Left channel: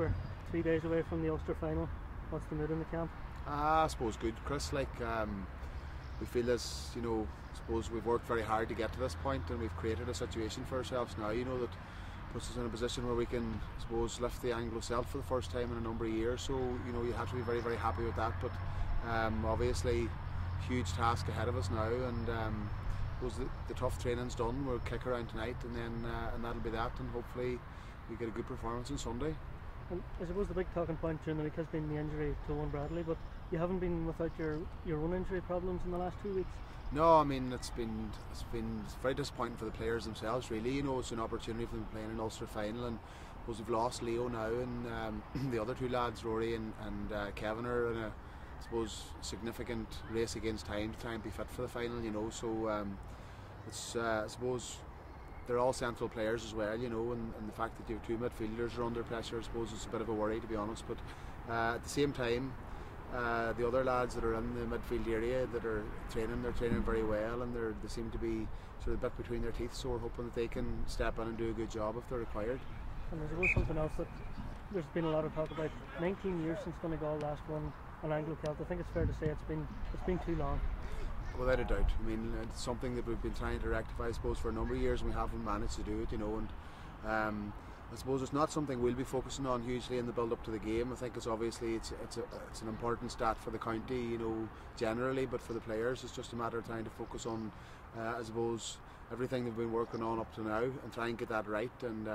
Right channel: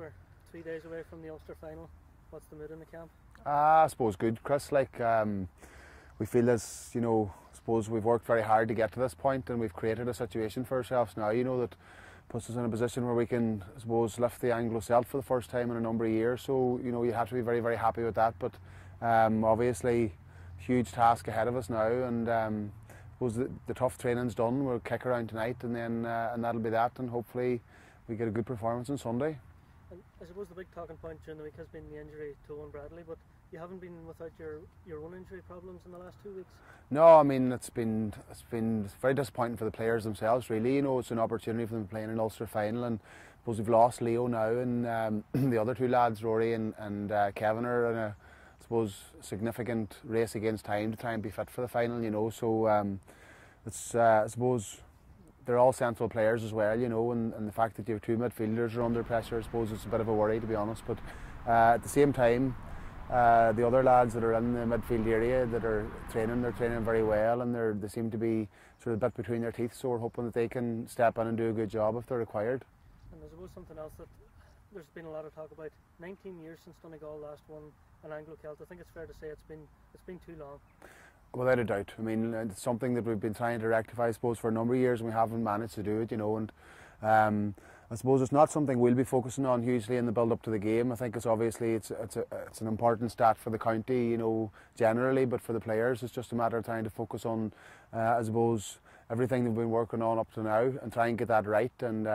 We're 3 days away from the Ulster final. What's the mood in the camp? I suppose good, Chris. We feel as, I suppose we've worked very hard to get to this point, and we've created a situation for ourselves now, that puts us in a position where we can, I suppose, lift the Anglo-Celt for the first time in a number of years. So, you have to be very, very happy with that. But obviously, huge task ahead of us now, and I suppose the tough training's done. We'll kick around tonight, and then and that'll be that, and hopefully we get a good performance on Sunday. And I suppose the big talking point during the week has been the injury to Owen Bradley, but you haven't been without your own injury problems in the last 2 weeks. No, I mean it's been very disappointing for the players themselves. Really, it's an opportunity for them to play in an Ulster final, and I suppose we've lost Leo now, and the other two lads, Rory and Kevin, are in a, I suppose, significant race against time to try and be fit for the final. So it's I suppose they're all central players as well, and the fact that you have two midfielders are under pressure, I suppose it's a bit of a worry, to be honest. But at the same time, the other lads that are in the midfield area that are training, they're training very well, and they seem to be sort of a bit between their teeth, so we're hoping that they can step in and do a good job if they're required. And there's something else that there's been a lot of talk about. 19 years since Donegal last won an Anglo-Celt. I think it's fair to say it's been too long. Without a doubt. I mean, it's something that we've been trying to rectify, I suppose, for a number of years, and we haven't managed to do it, and I suppose it's not something we'll be focusing on hugely in the build-up to the game. I think it's obviously it's an important stat for the county, generally, but for the players it's just a matter of trying to focus on, I suppose, everything they've been working on up to now and try and get that right. And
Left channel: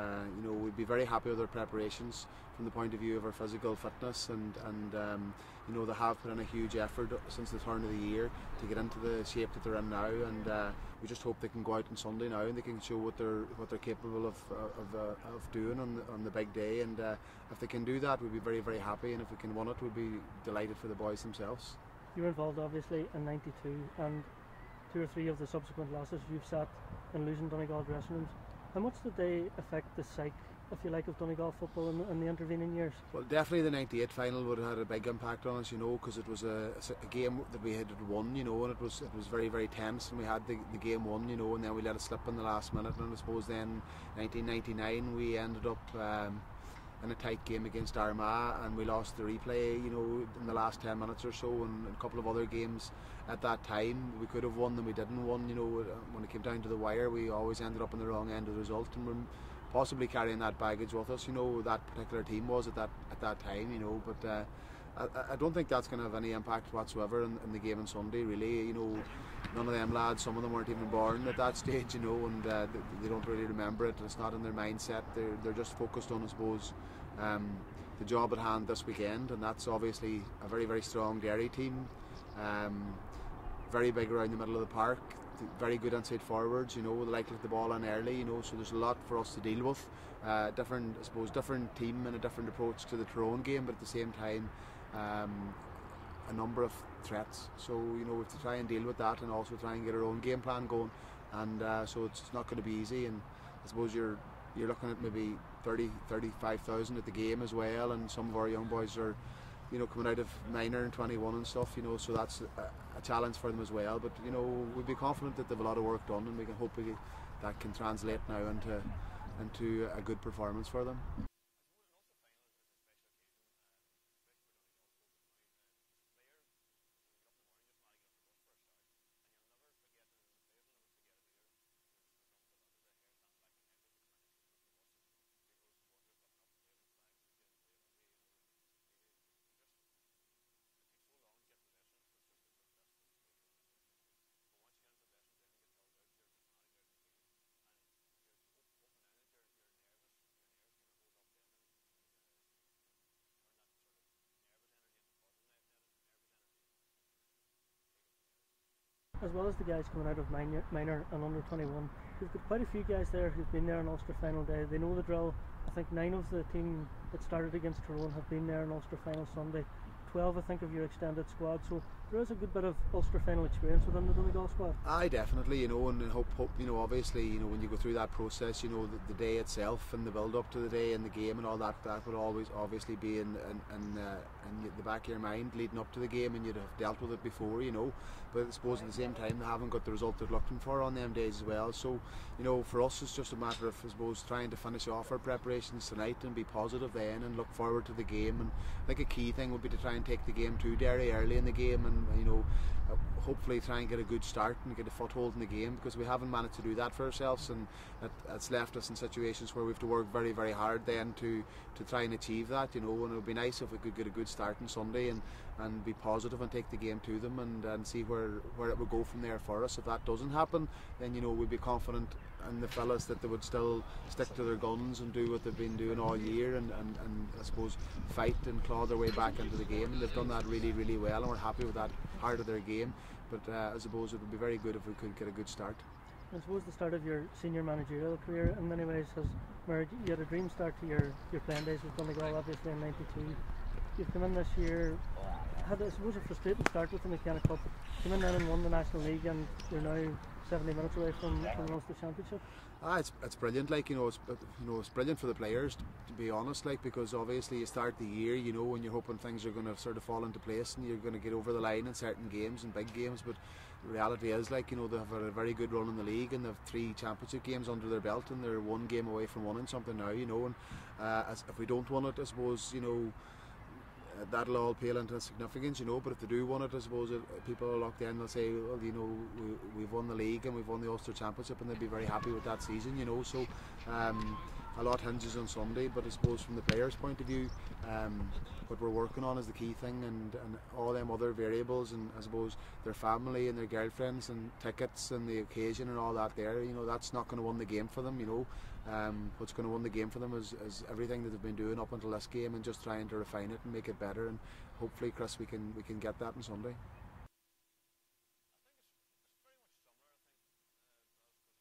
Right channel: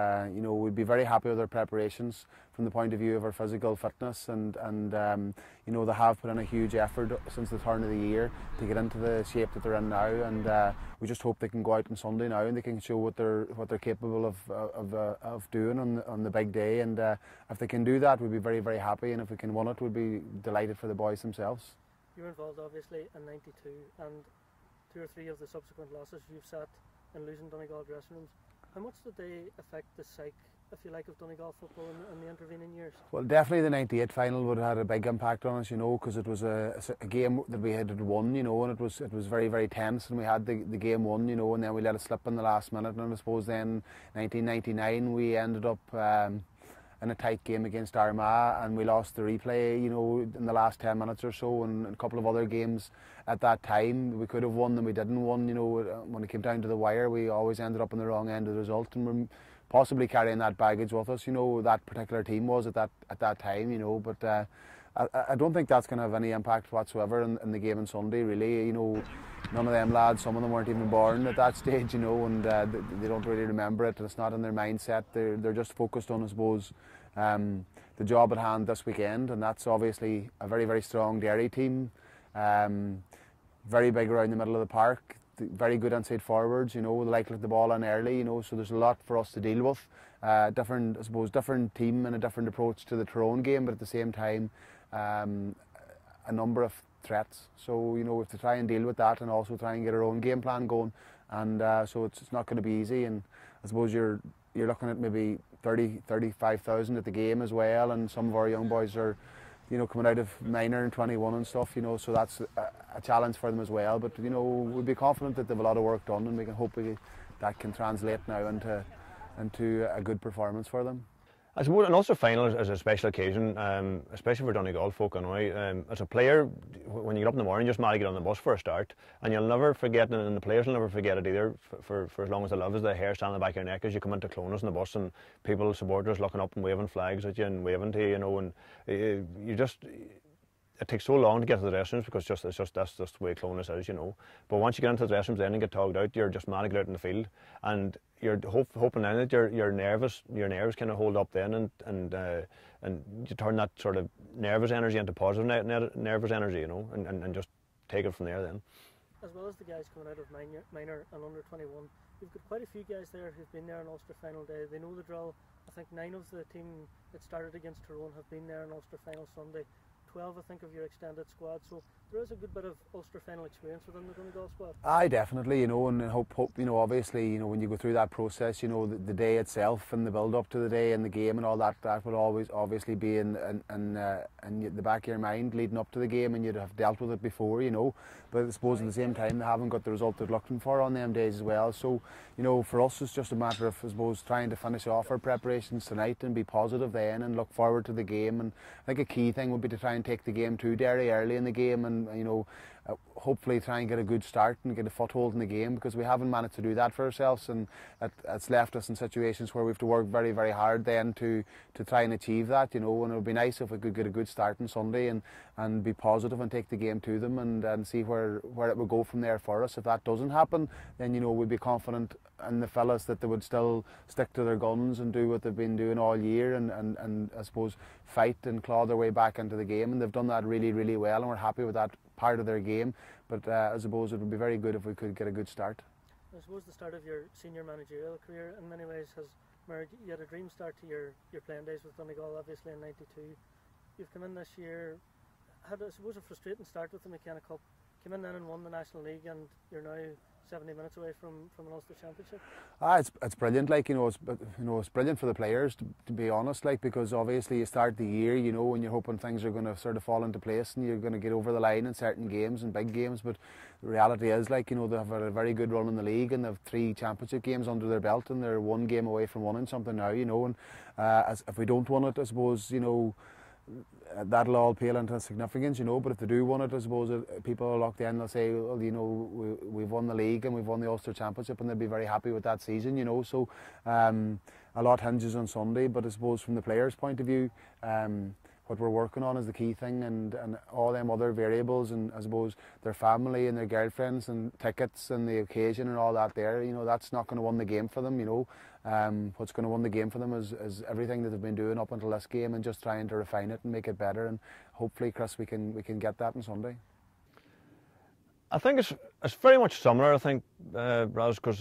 we'd be very happy with our preparations from the point of view of our physical fitness, and they have put in a huge effort since the turn of the year to get into the shape that they're in now, and we just hope they can go out on Sunday now and they can show what they're capable of doing on the big day. And if they can do that, we'd be very, very happy, and if we can win it, we'd be delighted for the boys themselves. You were involved obviously in '92, and 2 or 3 of the subsequent losses you've sat in losing Donegal dressing rooms. How much did they affect the psyche, if you like, of Donegal football in the intervening years? Well, definitely the '98 final would have had a big impact on us, because it was a game that we had won, and it was very, very tense, and we had the game won, and then we let it slip in the last minute. And I suppose then 1999 we ended up in a tight game against Armagh, and we lost the replay, in the last 10 minutes or so, and a couple of other games at that time we could have won and we didn't win. When it came down to the wire, we always ended up on the wrong end of the result, and we're possibly carrying that baggage with us. That particular team was at that time. But I don't think that's going to have any impact whatsoever in the game on Sunday. Really, none of them lads, some of them weren't even born at that stage. And they don't really remember it. It's not in their mindset. They're just focused on, I suppose, the job at hand this weekend, and that's obviously a very, very strong Derry team. Very big around the middle of the park, very good inside forwards, they like the ball in early, so there's a lot for us to deal with. Different team and a different approach to the Tyrone game, but at the same time, a number of threats. So, we have to try and deal with that and also try and get our own game plan going. And so it's not going to be easy, and I suppose you're looking at maybe 35,000 at the game as well, and some of our young boys are coming out of minor and 21 and stuff, so that's a challenge for them as well. But we'll be confident that they've a lot of work done, and we can hope that can translate now into a good performance for them. I suppose an Ulster final is a special occasion, especially for Donegal folk anyway. As a player, when you get up in the morning, you're just mad to get on the bus for a start, and you'll never forget, and the players will never forget it either, for as long as they live, is the hair standing on the back of your neck as you come into Clonus on the bus, and people, supporters, looking up and waving flags at you and waving to you, and you just... It takes so long to get to the dressing rooms because that's just the way Clonus is, But once you get into the dressing rooms then and get togged out, you're just mad to get out in the field, and you're hoping then that your nerves kind of hold up then, and you turn that sort of nervous energy into positive nervous energy, and just take it from there then. As well as the guys coming out of minor and under 21, we've got quite a few guys there who've been there on Ulster final day. They know the drill. I think 9 of the team that started against Tyrone have been there on Ulster final Sunday. 12, I think, of your extended squad. So there is a good bit of Ulster final experience within the Donegal squad. Aye, definitely, you know, and hope, you know, obviously, you know, when you go through that process, you know, the day itself and the build up to the day and the game and all that, that will always obviously be in the back of your mind leading up to the game, and you'd have dealt with it before, you know. But I suppose at the same time they haven't got the result they're looking for on them days as well. So, you know, for us it's just a matter of, I suppose, trying to finish off our preparations tonight and be positive then and look forward to the game. And I think a key thing would be to try and take the game to Derry early in the game, and you know, hopefully try and get a good start and get a foothold in the game, because we haven't managed to do that for ourselves, and it's left us in situations where we have to work very, very hard then to try and achieve that, you know. And it would be nice if we could get a good start on Sunday and be positive and take the game to them and see where it would go from there for us. If that doesn't happen, then, you know, we'd be confident in the fellas that they would still stick to their guns and do what they've been doing all year, and I suppose fight and claw their way back into the game, and they've done that really, really well, and we're happy with that part of their game. But I suppose it would be very good if we could get a good start. I suppose the start of your senior managerial career in many ways has mirrored, you had a dream start to your playing days with Donegal, obviously in '92. You've come in this year, had I suppose a frustrating start with the McKenna Cup, came in then and won the National League, and we're now 70 minutes away from the Ulster Championship. It's brilliant, like, you know, it's brilliant for the players, to be honest, like, because obviously you start the year, you know, and you're hoping things are going to sort of fall into place and you're going to get over the line in certain games and big games. But the reality is, like, you know, they have a very good run in the league, and they have 3 championship games under their belt, and they're 1 game away from winning something now, you know. And if we don't win it, I suppose, you know, that'll all pale into significance, you know. But if they do win it, I suppose people are locked in, they'll say, well, you know, we've won the league and we've won the Ulster Championship, and they'll be very happy with that season, you know. So a lot hinges on Sunday, but I suppose from the players' point of view, what we're working on is the key thing, and all them other variables, and I suppose their family and their girlfriends and tickets and the occasion and all that there, you know, that's not going to win the game for them, you know. What's going to win the game for them is everything that they've been doing up until this game, and just trying to refine it and make it better, and hopefully, Chris, we can get that on Sunday. I think it's very much similar, I think, Raz, because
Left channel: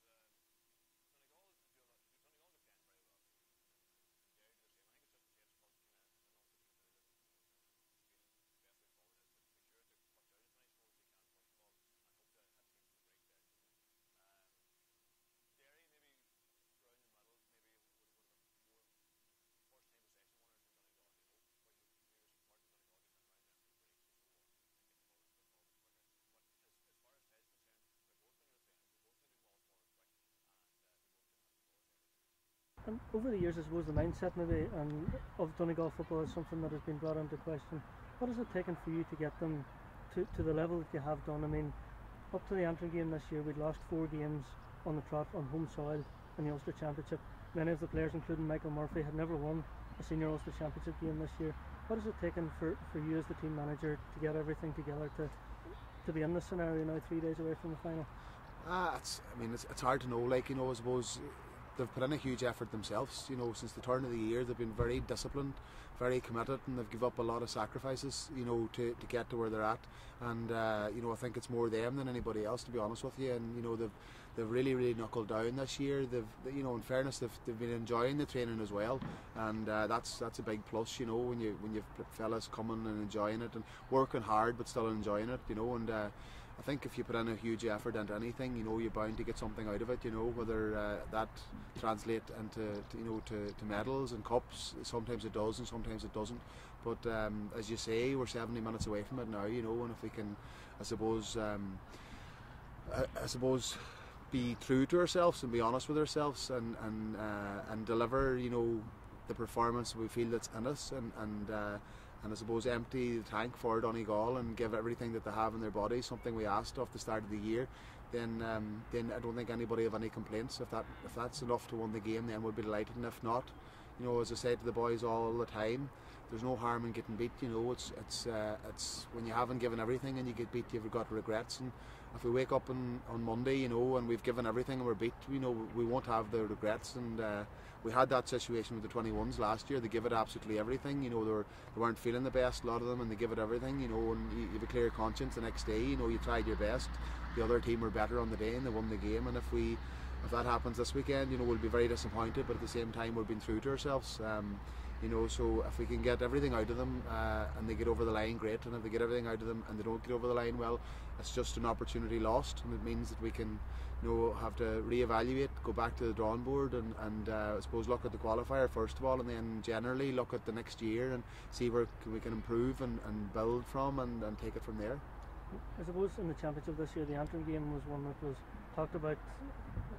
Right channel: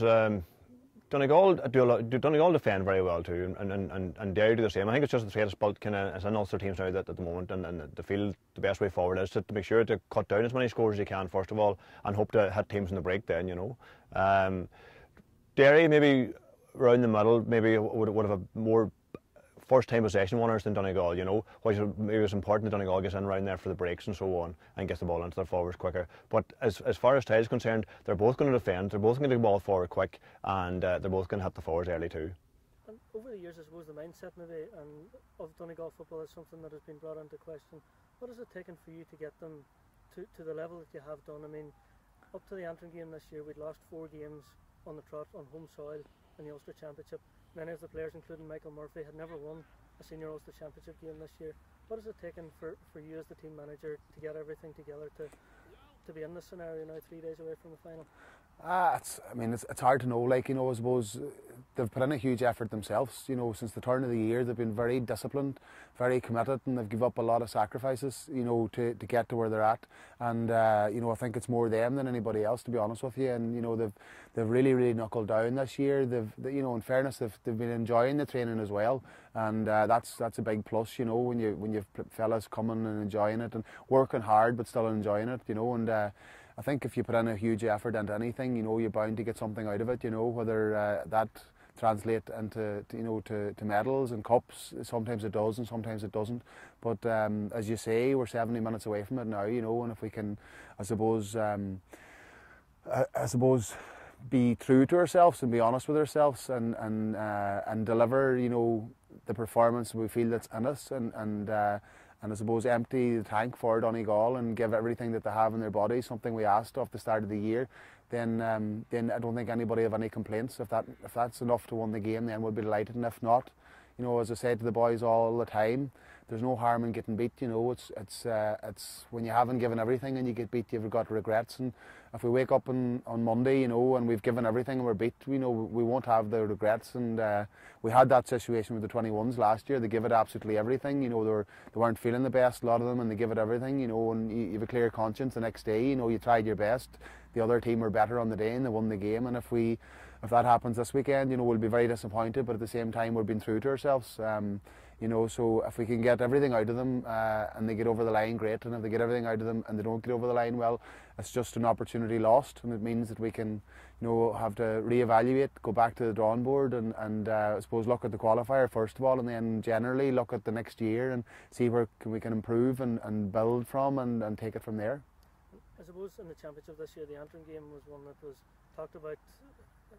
Donegal defend very well too, and Derry do the same. I think it's just the trade spot kind of as an Ulster teams now at the moment, and they feel the best way forward is to make sure to cut down as many scores as you can first of all, and hope to hit teams in the break then, you know. Derry maybe around the middle maybe would have a more first time possession winners than Donegal, you know, which maybe it's important that Donegal gets in around there for the breaks and so on, and gets the ball into their forwards quicker. But as far as style is concerned, they're both going to defend, they're both going to get the ball forward quick, and they're both going to hit the forwards early too. And over the years, I suppose the mindset maybe of Donegal football is something that has been brought into question. What has it taken for you to get them to the level that you have done? I mean, up to the Antrim game this year, we'd lost 4 games on the trot on home soil in the Ulster Championship. Many of the players, including Michael Murphy, had never won a senior Ulster Championship game this year. What has it taken for you as the team manager to get everything together to be in this scenario now 3 days away from the final? It's hard to know, like, you know, I suppose they've put in a huge effort themselves, you know. Since the turn of the year they've been very disciplined, very committed, and they've given up a lot of sacrifices, you know, to get to where they're at. And you know, I think it's more them than anybody else, to be honest with you. And you know, they've really knuckled down this year. You know, in fairness, they've been enjoying the training as well, and that's a big plus, you know, when you've fellas coming and enjoying it and working hard but still enjoying it, you know. And I think if you put in a huge effort into anything, you know, you're bound to get something out of it, you know, whether that translate into to medals and cups. Sometimes it does and sometimes it doesn't, but as you say, we're 70 minutes away from it now, you know. And if we can, I suppose be true to ourselves and be honest with ourselves, and deliver, you know, the performance we feel that's in us, and I suppose empty the tank for Donegal and give everything that they have in their bodies, something we asked off the start of the year, then I don't think anybody have any complaints. If that's enough to win the game, then we'll be delighted. And if not, you know, as I said to the boys all the time, there's no harm in getting beat. You know, it's when you haven't given everything and you get beat, you've got regrets. And if we wake up on Monday, you know, and we've given everything and we're beat, you know, we won't have the regrets. And we had that situation with the 21s last year. They give it absolutely everything. You know, they weren't feeling the best, a lot of them, and they give it everything. You know, and you have a clear conscience the next day. You know, you tried your best. The other team were better on the day and they won the game. And if that happens this weekend, you know, we'll be very disappointed. But at the same time, we're being true to ourselves. You know, so if we can get everything out of them and they get over the line, great. And if they get everything out of them and they don't get over the line, well, it's just an opportunity lost, and it means that we can, you know, have to reevaluate, go back to the drawing board, and I suppose look at the qualifier first of all, and then generally look at the next year and see where we can improve and build from and take it from there. I suppose in the championship this year, the Antrim game was one that was talked about,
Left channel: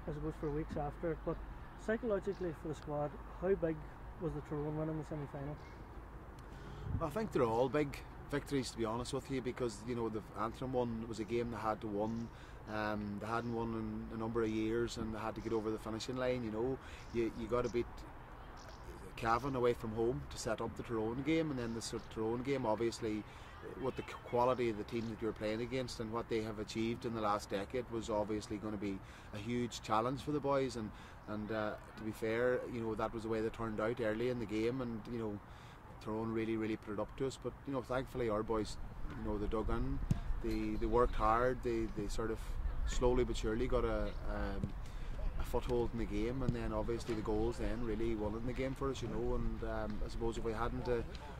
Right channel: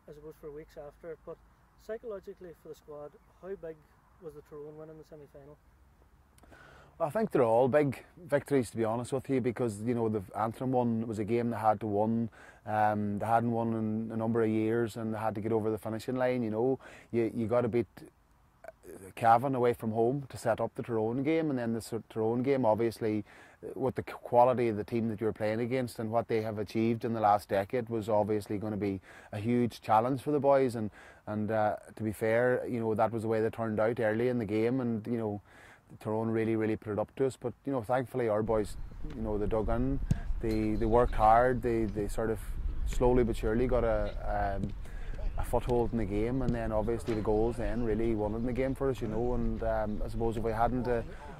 I suppose, for weeks after. But psychologically for the squad, how big was the Tyrone win in the semi-final? I think they're all big victories, to be honest with you, because, you know, the Antrim one was a game they had to win. They hadn't won in a number of years, and they had to get over the finishing line. You know, you got to beat Cavan away from home to set up the Tyrone game, and then the Tyrone game, obviously, with the quality of the team that you're playing against and what they have achieved in the last decade, was obviously going to be a huge challenge for the boys. And to be fair, you know, that was the way they turned out early in the game, and, you know, Tyrone really put it up to us. But, you know, thankfully our boys, you know, they dug in, they worked hard, they sort of slowly but surely got a foothold in the game, and then obviously the goals then really won it in the game for us, you know. And I suppose if we hadn't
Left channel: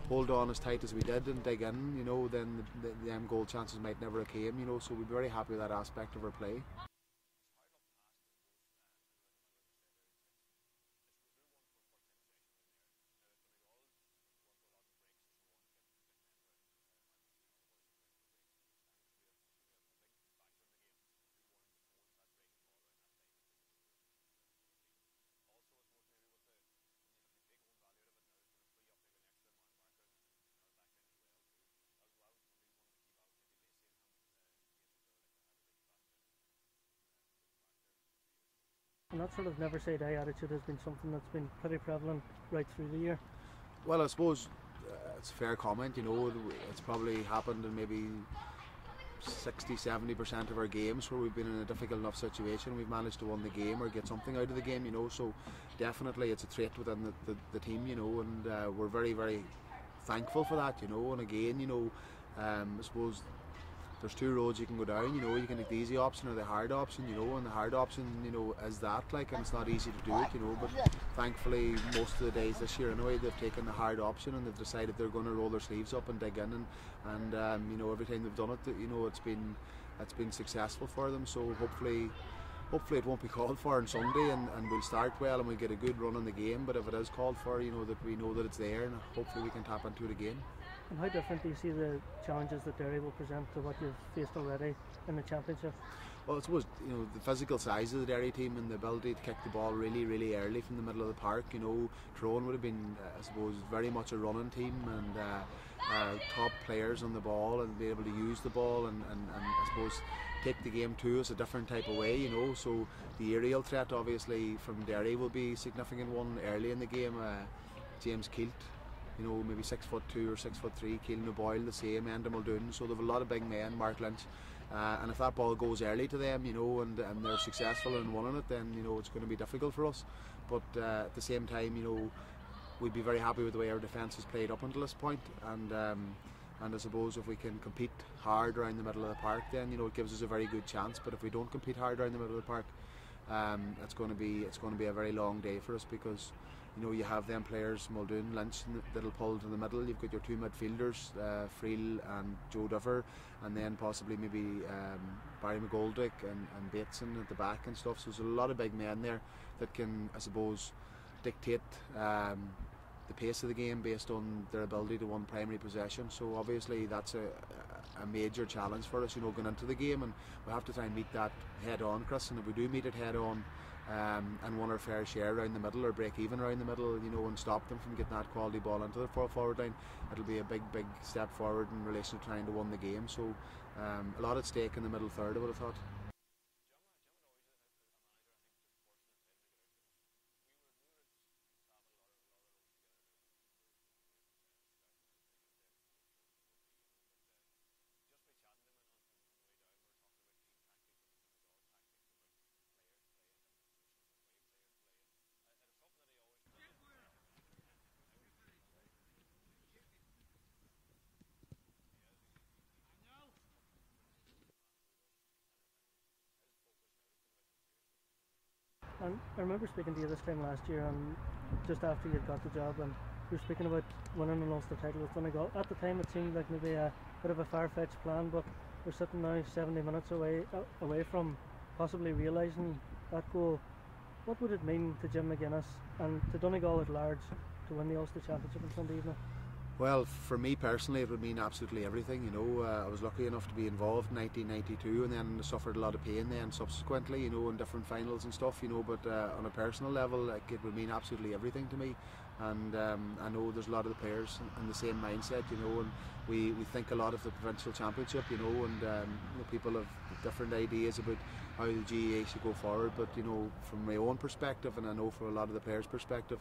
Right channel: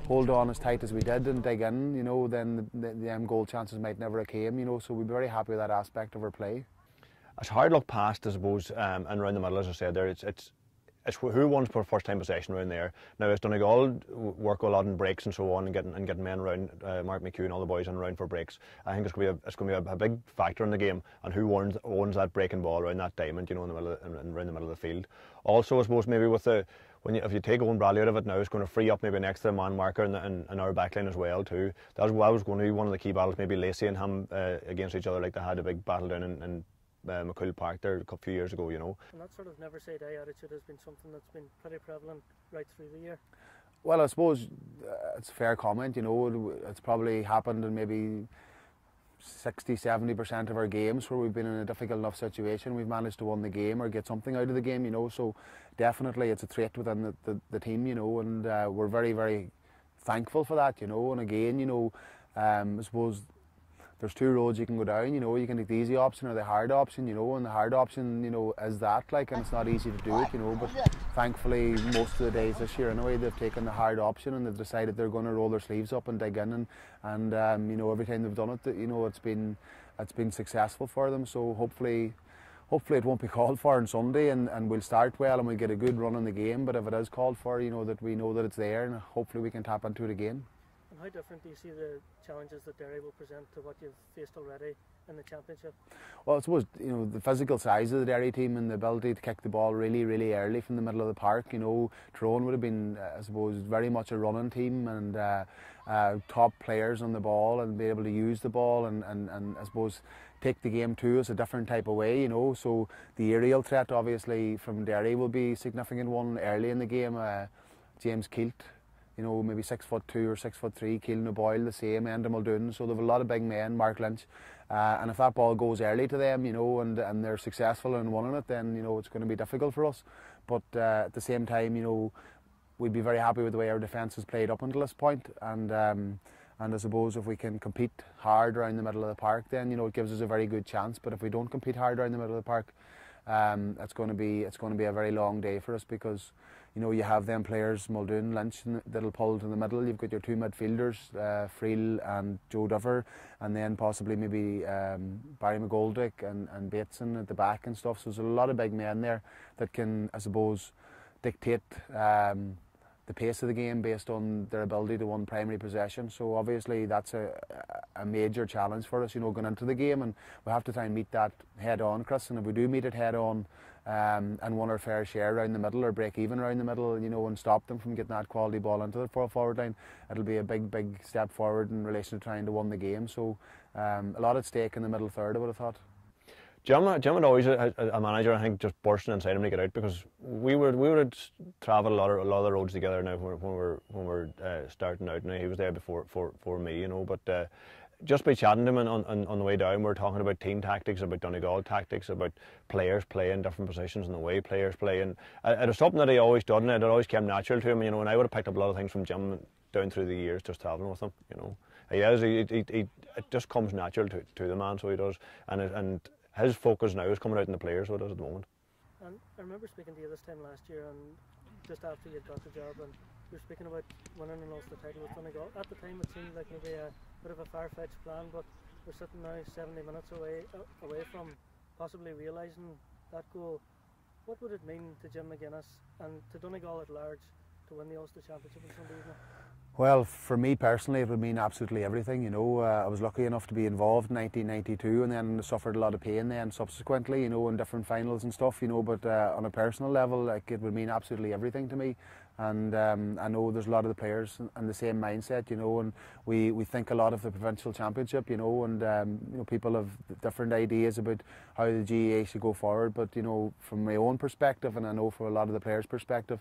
hold on as tight as we did and dig in, you know, then the goal chances might never have came, you know. So we'd be very happy with that aspect of our play. It's hard luck past, I suppose, and around the middle, as I said there, it's who wants for first time possession around there. Now, as Donegal work a lot in breaks and so on, and getting men around, Mark McHugh and all the boys in around for breaks, I think it's going to be a big factor in the game, and who owns that breaking ball around that diamond, you know, in the middle around the middle of the field. Also, I suppose maybe with if you take Owen Bradley out of it now, it's going to free up maybe an extra man marker in our backline as well too. That was going to be one of the key battles. Maybe Lacey and him against each other, like they had a big battle down in McCool Park there a few years ago, you know. And that sort of never say die attitude has been something that's been pretty prevalent right through the year. Well, I suppose it's a fair comment, you know. It's probably happened in maybe 60-70% of our games where we've been in a difficult enough situation, we've managed to win the game or get something out of the game, you know. So definitely it's a trait within the team, you know, and we're very thankful for that, you know. And again, you know, I suppose there's two roads you can go down, you know. You can take the easy option or the hard option, you know, and the hard option, you know, is that, like, and it's not easy to do it, you know. But thankfully most of the days this year anyway, they've taken the hard option and they've decided they're going to roll their sleeves up and dig in, and you know, every time they've done it, you know, it's been successful for them. So hopefully it won't be called for on Sunday, and we'll start well and we'll get a good run in the game. But if it is called for, you know, that we know that it's there, and hopefully we can tap into it again. And how different do you see the challenges that Derry will present to what you've faced already in the championship? Well, I suppose, you know, the physical size of the Derry team and the ability to kick the ball really early from the middle of the park. You know, Tyrone would have been, I suppose, very much a running team, and top players on the ball, and be able to use the ball and I suppose take the game to us a different type of way, you know. So the aerial threat obviously from Derry will be a significant one early in the game. James Kilt, you know, maybe 6'2" or 6'3", Keelan O'Boyle the same, Enda Muldoon. So they've a lot of big men, Mark Lynch, and if that ball goes early to them, you know, and they're successful in winning it, then, you know, it's going to be difficult for us. But at the same time, you know, we'd be very happy with the way our defence has played up until this point, and I suppose if we can compete hard around the middle of the park, then, you know, it gives us a very good chance. But if we don't compete hard around the middle of the park, it's going to be a very long day for us, because, you know, you have them players, Muldoon, Lynch, that'll pull to the middle. You've got your two midfielders, Friel and Joe Dover, and then possibly maybe Barry McGoldrick and Bateson at the back and stuff. So there's a lot of big men there that can, I suppose, dictate the pace of the game based on their ability to win primary possession. So obviously that's a major challenge for us, you know, going into the game, and we have to try and meet that head on, Chris. And if we do meet it head on, and won our fair share around the middle, or break even around the middle, you know, and stop them from getting that quality ball into the forward line, it'll be a big step forward in relation to trying to win the game. So a lot at stake in the middle third, I would have thought. Jim had always a manager, I think, just bursting inside him to get out, because we would travel a lot of the roads together now when we're starting out. Now he was there before for me, you know, but just by chatting to him on the way down, we're talking about team tactics, about Donegal tactics, about players playing different positions and the way players play, and it was something that he always done, and it always came natural to him, you know. And I would have picked up a lot of things from Jim down through the years, just travelling with him, you know. It just comes natural to the man, so he does, and his focus now is coming out in the players, so it does at the moment. And I remember speaking to you this time last year, and just after you'd got the job, and you're speaking about winning an Ulster title with Donegal. At the time, it seemed like maybe a bit of a far-fetched plan, but we're sitting now 70 minutes away from possibly realising that goal. What would it mean to Jim McGuinness and to Donegal at large to win the Ulster Championship on Sunday evening? Well, for me personally, it would mean absolutely everything. You know, I was lucky enough to be involved in 1992, and then suffered a lot of pain then subsequently, you know, in different finals and stuff. You know, but on a personal level, like, it would mean absolutely everything to me. And I know there's a lot of the players in the same mindset, you know, and we think a lot of the provincial championship, you know, and you know, people have different ideas about how the GAA should go forward. But you know, from my own perspective, and I know for a lot of the players' perspective,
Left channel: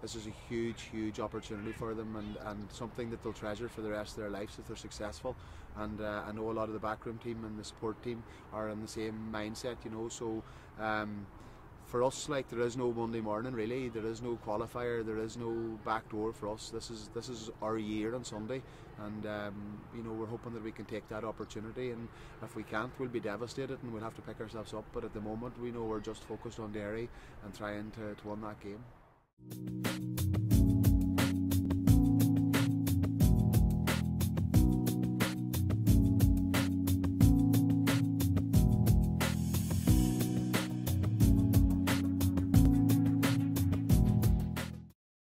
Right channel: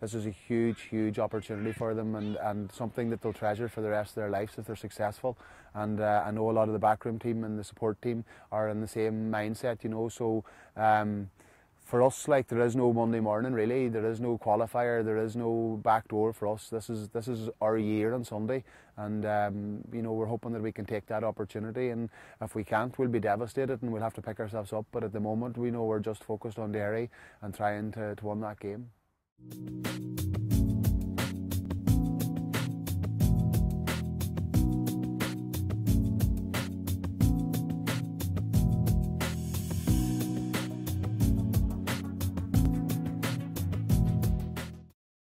this is a huge opportunity for them, and something that they'll treasure for the rest of their lives if they're successful. And I know a lot of the backroom team and the support team are in the same mindset, you know. So for us, like, there is no Monday morning really. There is no qualifier. There is no back door for us. This is our year on Sunday, and you know, we're hoping that we can take that opportunity. And if we can't, we'll be devastated and we'll have to pick ourselves up. But at the moment, we know we're just focused on Derry and trying to win that game.